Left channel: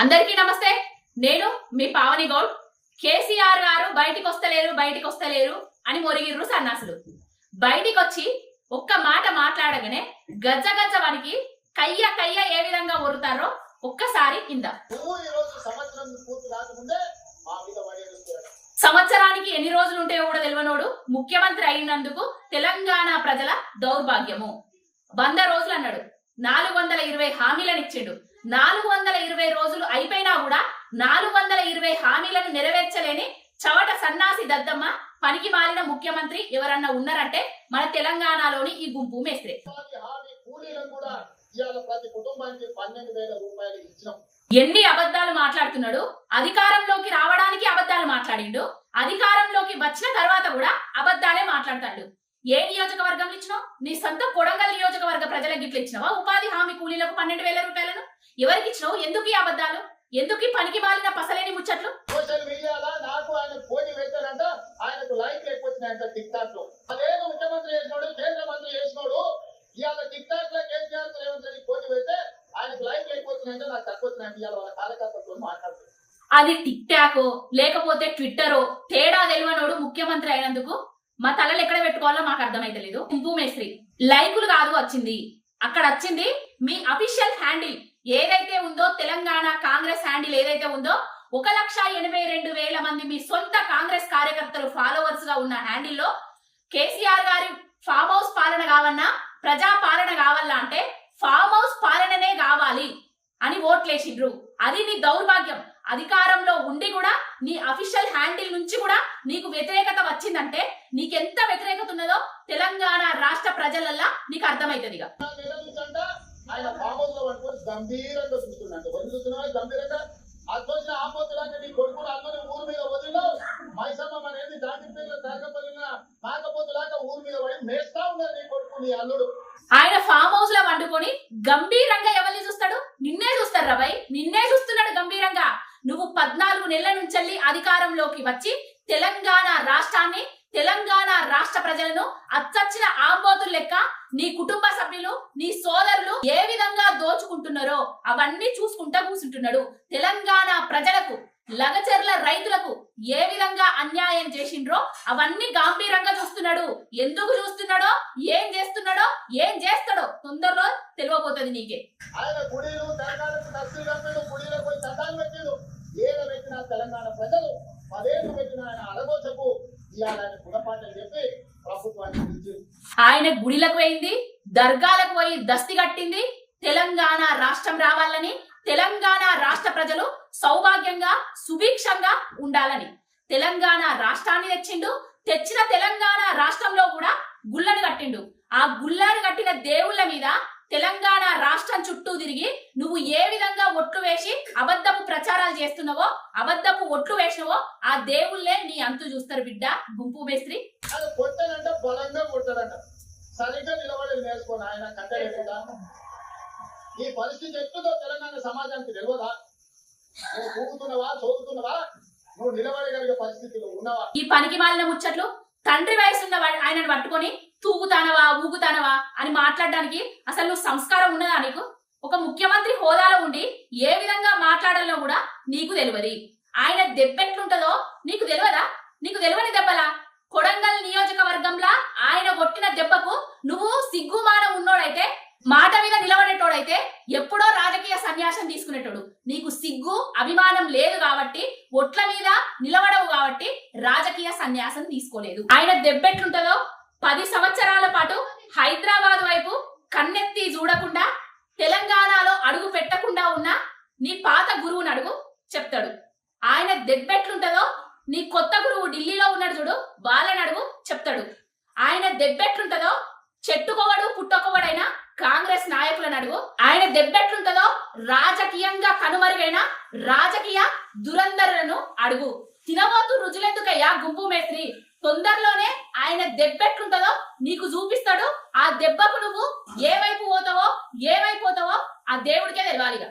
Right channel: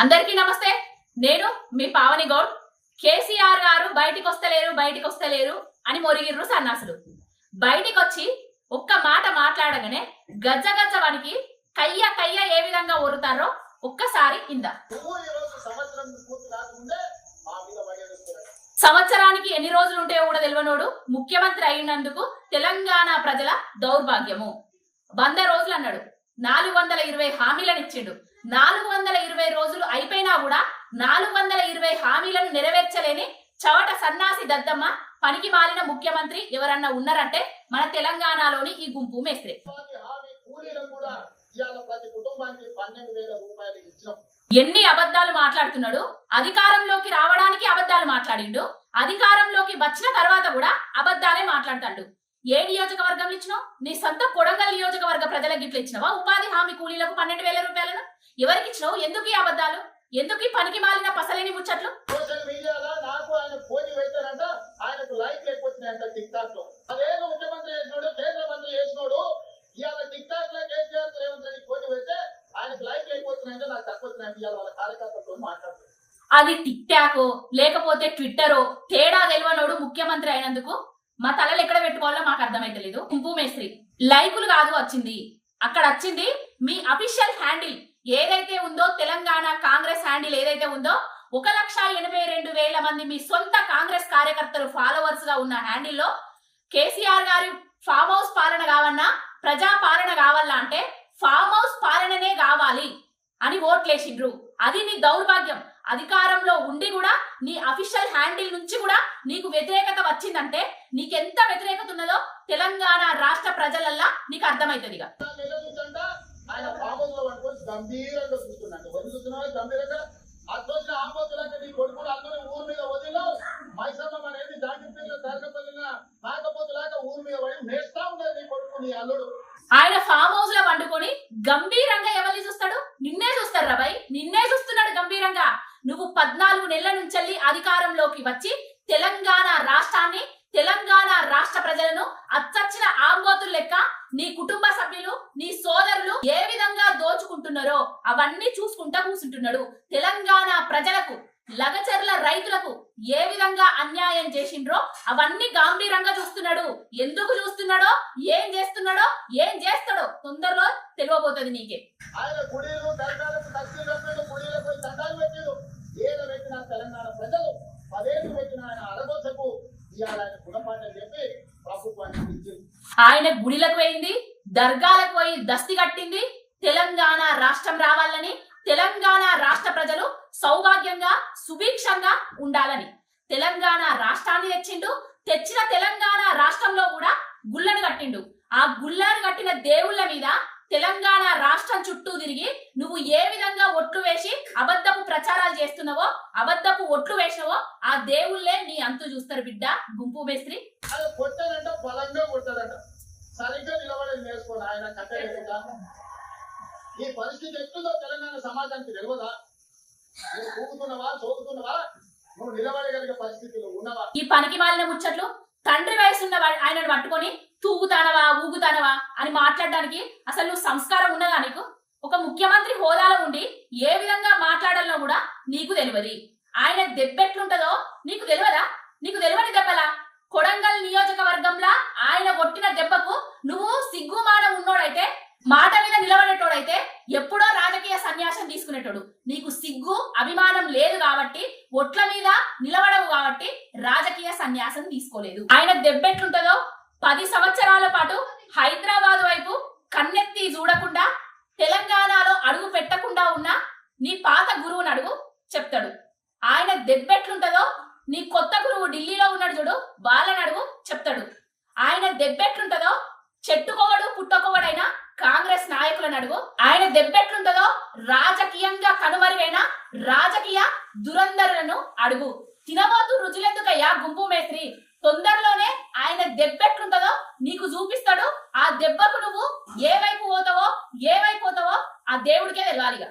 అందరికీ నమస్తే. నేను మీ పావని గౌడ్. కేసీఆర్ గారు బయటికి వస్తలేరు అని మొరిగిర్రు సన్నాసులు. బయటికి వచ్చి ఒక్క మాట మాట్లాడగానే గజ్జ గజ్జ వనికి కయ్య ఏ విధంగా ఒరుతారో ఒక్కసారి ఇందా. సంవత్సరానికి ఎన్ని రోజులు ఉంటాయో కూడా తెలియనోడు ముఖ్యమంత్రి అయినందుకు తెలంగాణ ప్రజల దౌర్భాగ్యము. 100 రోజులు అన్నాడు, 420 హామీలను ఇచ్చిండు. 420 రోజులు అయిపోయినా కూడా 420 హామీలను నెరవేర్చలేని చవట సన్నాసి దద్దమ్మ పనికి మాలిన ముఖ్యమంత్రి ఎవరన్నా ఉన్నారంటే మన తెలంగాణలోని ఈ గుంపు మేస్త్రే. ఎన్ని అబద్ధాలు మాట్లాడుతున్నాడు. అధికారంలోకి రావడానికి అబద్ధాలు మాట్లాడిండు, అధికారంలోకి వచ్చిన తర్వాత కూడా అబద్ధాలే మాట్లాడతాడు. ఏ నియోజకవర్గంలో ఇచ్చినావు? నీ సొంత కొడంగల్ నియోజకవర్గ ప్రజలకు గిట్ల ఇచ్చినావా? ఉపాధి హామీ కూలీలకు 12,000 రూపాయలను ఎవరికి ఇచ్చినావు? ఎందుకు ఈ అబద్ధాలు? ఎందుకు ఈ పనికి మాలిన పసలేని ముచ్చట్లు? సోషల్ మీడియాలో నాకు ఆయన పోటీ పెట్టారంట, ఆయనకు లైక్ లేకపోతున్నాయంట టిక్ టాక్ లో. అదేదో ముఖ్యమంత్రి చేసినోడు, కేంద్ర మంత్రి చేసినోడు ఇవాళ టిక్ టాక్ లో కేసీఆర్ రేవంత్ రెడ్డి పోటీ పెడితే ఆయనకు లైక్ లేకపోతున్నాయంటే నాకు తక్కువ ఇవాళ వాళ్ళ కార్యకర్తలతో మాట్లాడుతుంది. అది టిక్ టాకో లేకపోతే ట్విట్టరో తేడా తెలియనోడు ముఖ్యమంత్రి అయినందుకు మా తలలు ఎక్కడ పెట్టుకోవాలో మాకు అర్థమైతలేదు. కుంపు మేస్త్రి లైకులు కాదు వచ్చింది, అక్కడ వచ్చింది మీ అఫీషియల్ హ్యాండిల్ ఏదైతే ఉందో, తెలంగాణ కాంగ్రెస్ హ్యాండిల్ ఏదైతే ఉందో 1,82,000 మంది మీ సొంత కాంగ్రెస్ కార్యకర్తలు ఫాలోవర్స్ గా ఉన్న హ్యాండిల్లో కేసీఆర్ గారి ఫామ్ హౌస్ పాలన కావన్నా, ప్రజా పాలన కావాలా అంటే ఫామ్ హౌస్ పాలననే కావాలి అని ఓట్లేసిండ్రు. అది నీ దౌర్భాగ్యం. అధికారంలో ఉండి కూడా నీ అఫీషియల్ హ్యాండిల్ నుంచి కూడా నీకు వ్యతిరేకత వచ్చిందంటే నీకెంత వ్యతిరేకత ఉన్నదో తెలంగాణ రాష్ట్ర ప్రజలల్లా నీకు అర్థమైతుంది. ఆయన ఫామ్ హౌస్ లో వండుకొని గంభీరంగా ఎవరిని చూస్తాడు? నిన్నే చూస్తారు రాబాయ్, నిన్నే చూస్తున్నాడు గంభీరంగా. నువ్వు 14 నెలల నుంచి అధికారంలోకి వచ్చి తెలంగాణ రాష్ట్రాన్ని, తెలంగాణ రాష్ట్ర ప్రజలను అచ్చచ్చిన ఆంబోతులు లెక్క నీ కుటుంబ సభ్యులు, నీ సోదరులు ఏ విధంగా దోచుకుంటున్నారో అవన్నీ చూసుకుంటా కూర్చుంటున్నాడు. తెలంగాణ ప్రజలకు, లగచర్ల రైతులకు ఏ విధంగా అన్యాయం చేసిండ్రో అవన్నీ గంభీరంగా చూస్తున్నాడు. ఎందుకు చూస్తున్నాడో, ఏం చేస్తున్నాడో, ఏం చేస్తాడో తొందరలో తెలియబోతుంది నీకే. తెలంగాణ ప్రజలు 10 ఏళ్ళు పెట్టిన ఆయన అడగోచకు గుణపాఠం చెప్పి ప్రభుత్వాన్ని ఆయన గుడిలకు పోయింది, దర్గాలకు పోయి దస్తి కట్టింది. తెలంగాణ రాష్ట్రం రావాలని, తెలంగాణ రాష్ట్ర ప్రజలు సౌభాగ్యంగా సుభిక్షంగా ఉండాలని తెలంగాణ రాష్ట్రాన్ని తెచ్చిండు. తెచ్చిన తెలంగాణ రాష్ట్రంలో కూడా గుళ్ళను కట్టిండు. ఆ గుళ్ళను కట్టిన దేవుళ్ళ మీద తెలంగాణ రాష్ట్రం చుట్టూ తిరిగి నువ్వు ఏ విధంగా ఒట్లు వేసి అబద్ధపు ప్రచారాలు చేస్తున్నావో, అబద్ధపు ఒట్లు వేసినవో ఆ దేవుళ్ళే నీ అంతు చూస్తారు బిడ్డ. గుంపు మేస్త్రి కొట్టాడంట, బలంగా కొట్టాడంట, సరిగ్గా నిలబడి నేర్చుకోండి. ఆయన కట్టలేదా? ఈ పరిస్థితి ఎట్లుందో తెలంగాణ సమాజానికి తెలియదా? నువ్వు కూగుతున్నావా, చదువుతున్నావా, నువ్వు నిలబడగలిగే పరిస్థితులు ఉన్నావా? ఈ పనికి మాలిన ముచ్చట్లు తండ్రి వయసున్న ఆయనను పట్టుకొని తూగుతానవా, ఊగుతానవా అని మాట్లాడడానికి అసలు నువ్వు సంస్కారం ఉన్నదా నీకు? ఒక ముఖ్యమంత్రి హోదాలో ఉండి ఏ విధంగా మాట్లాడాలో కూడా నీకు తెలియదు. ఆయన దెబ్బెట్లుంటదో నీకు తెలియదా? నీకు తెలియని దెబ్బలా? కొడంగల్ నియోజకవర్గంలా ఆయన కొట్టిన దెబ్బకు నువ్వు సిగ్గుమానం ఉన్నోడైతే, మాట మీద నిలబడేటోడైతే ఎప్పుడో రాజకీయ సన్యాసం తీసుకునేటోడు. నీకు సిగ్గు అభిమానం లేదు కాబట్టి, ఒట్ల మీద నిలబడవు కాబట్టి రాజకీయ సన్యాసం తీసుకోలేదు. ఆయన దెబ్బెట్లుంటదో 10 సంవత్సరాల పాటు హైదరాబాద్ వైపు కన్నెత్తి చూడకుండా, తెలంగాణలో అడుగు పెట్టకుండా ఉన్న నీ పాత గురువుని అడుగు చెప్తాడు. ఆయన దెబ్బెట్లుంటదో నీ కొత్త గురువు ఢిల్లీలో ఉన్నాడు చూడు, వాళ్ళని అడుగు చెప్తాడు. ఆయన దెబ్బెట్లుంటదో చెట్టుకోవడు పుట్టకోవడైనా కాంగ్రెస్ నాయకులను అడుగు. ఆయన దెబ్బెట్లుంటదో రాజకీయంగా కనుమరుగైన రాజకీయ దురంధరులను అడుగు. తినబోతూ రుజులెందుకయ్యా గుంపు మేస్త్రి? తొందరలోనే ఆయన దెబ్బెట్లుంటదో నీకు చూపిస్తాడు. ఆ దెబ్బకు నువ్వు ఏ వైపు పోతావో, ఏ వైపు పోతావో ఆ దేవుడికే తెలియాలిగా.